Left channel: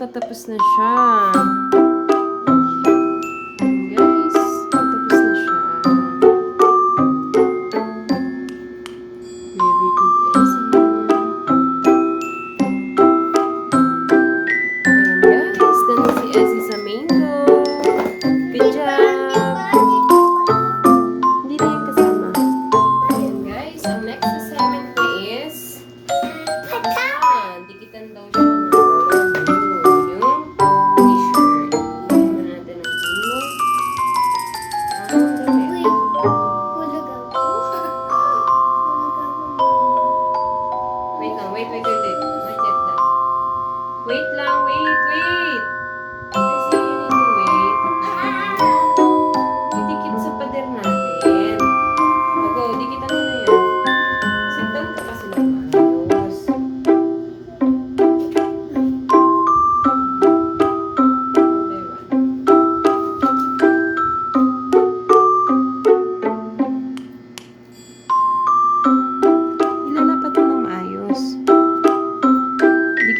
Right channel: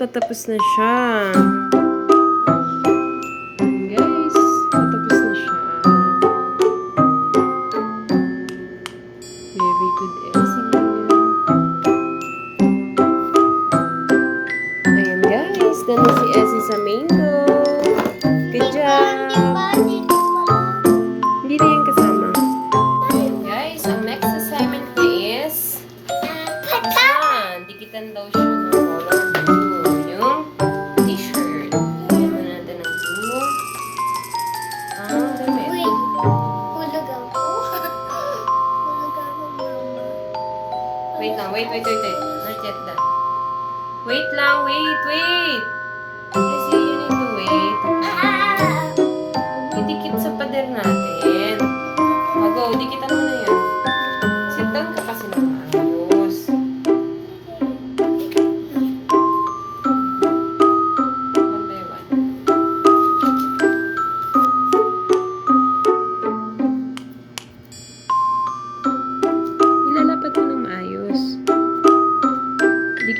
patapos na siya. Wait lang, wait, wait, wait, wait. Not yet done. Wait lang, wait, wait. Kasi you need to wait. Didikit sa pader natin. Ago, dikitan mo na yan. Sit down ka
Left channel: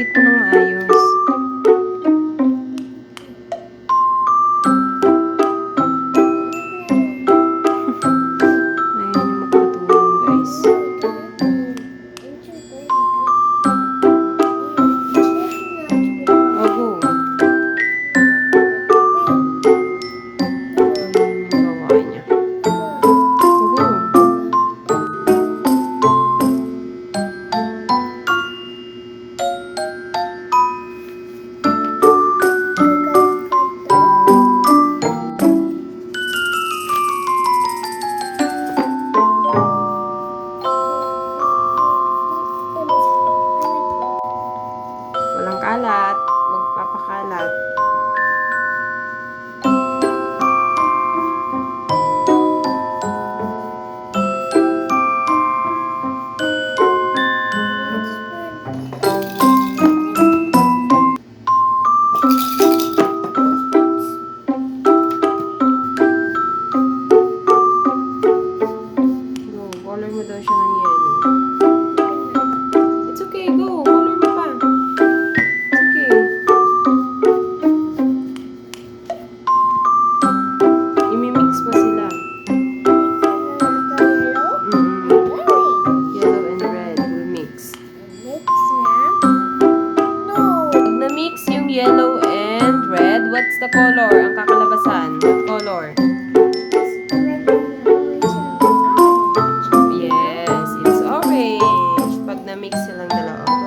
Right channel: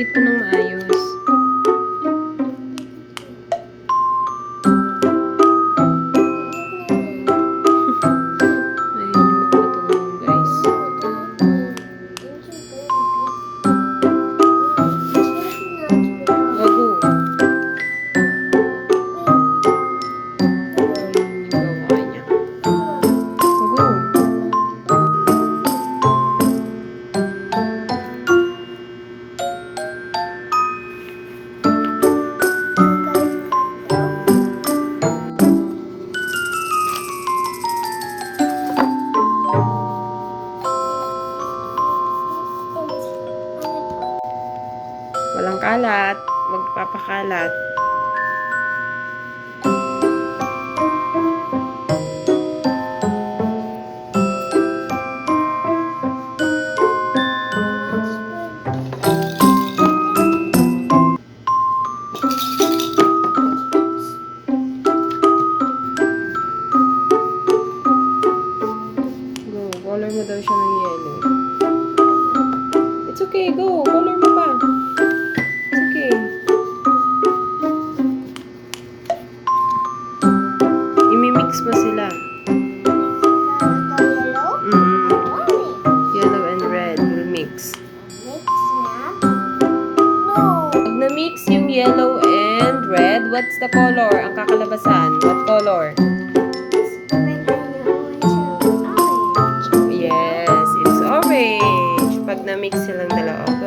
Dikit mo ng maayos. Walang kalat. Magpapakalat. Color mo daw siya ng yellow. It's okay. Go. Mix. Pag na-mix yung yellow and red, what's the color? Ang kakalabasan. What color? Yes, it's orange. Pag na-mix silang dalawa.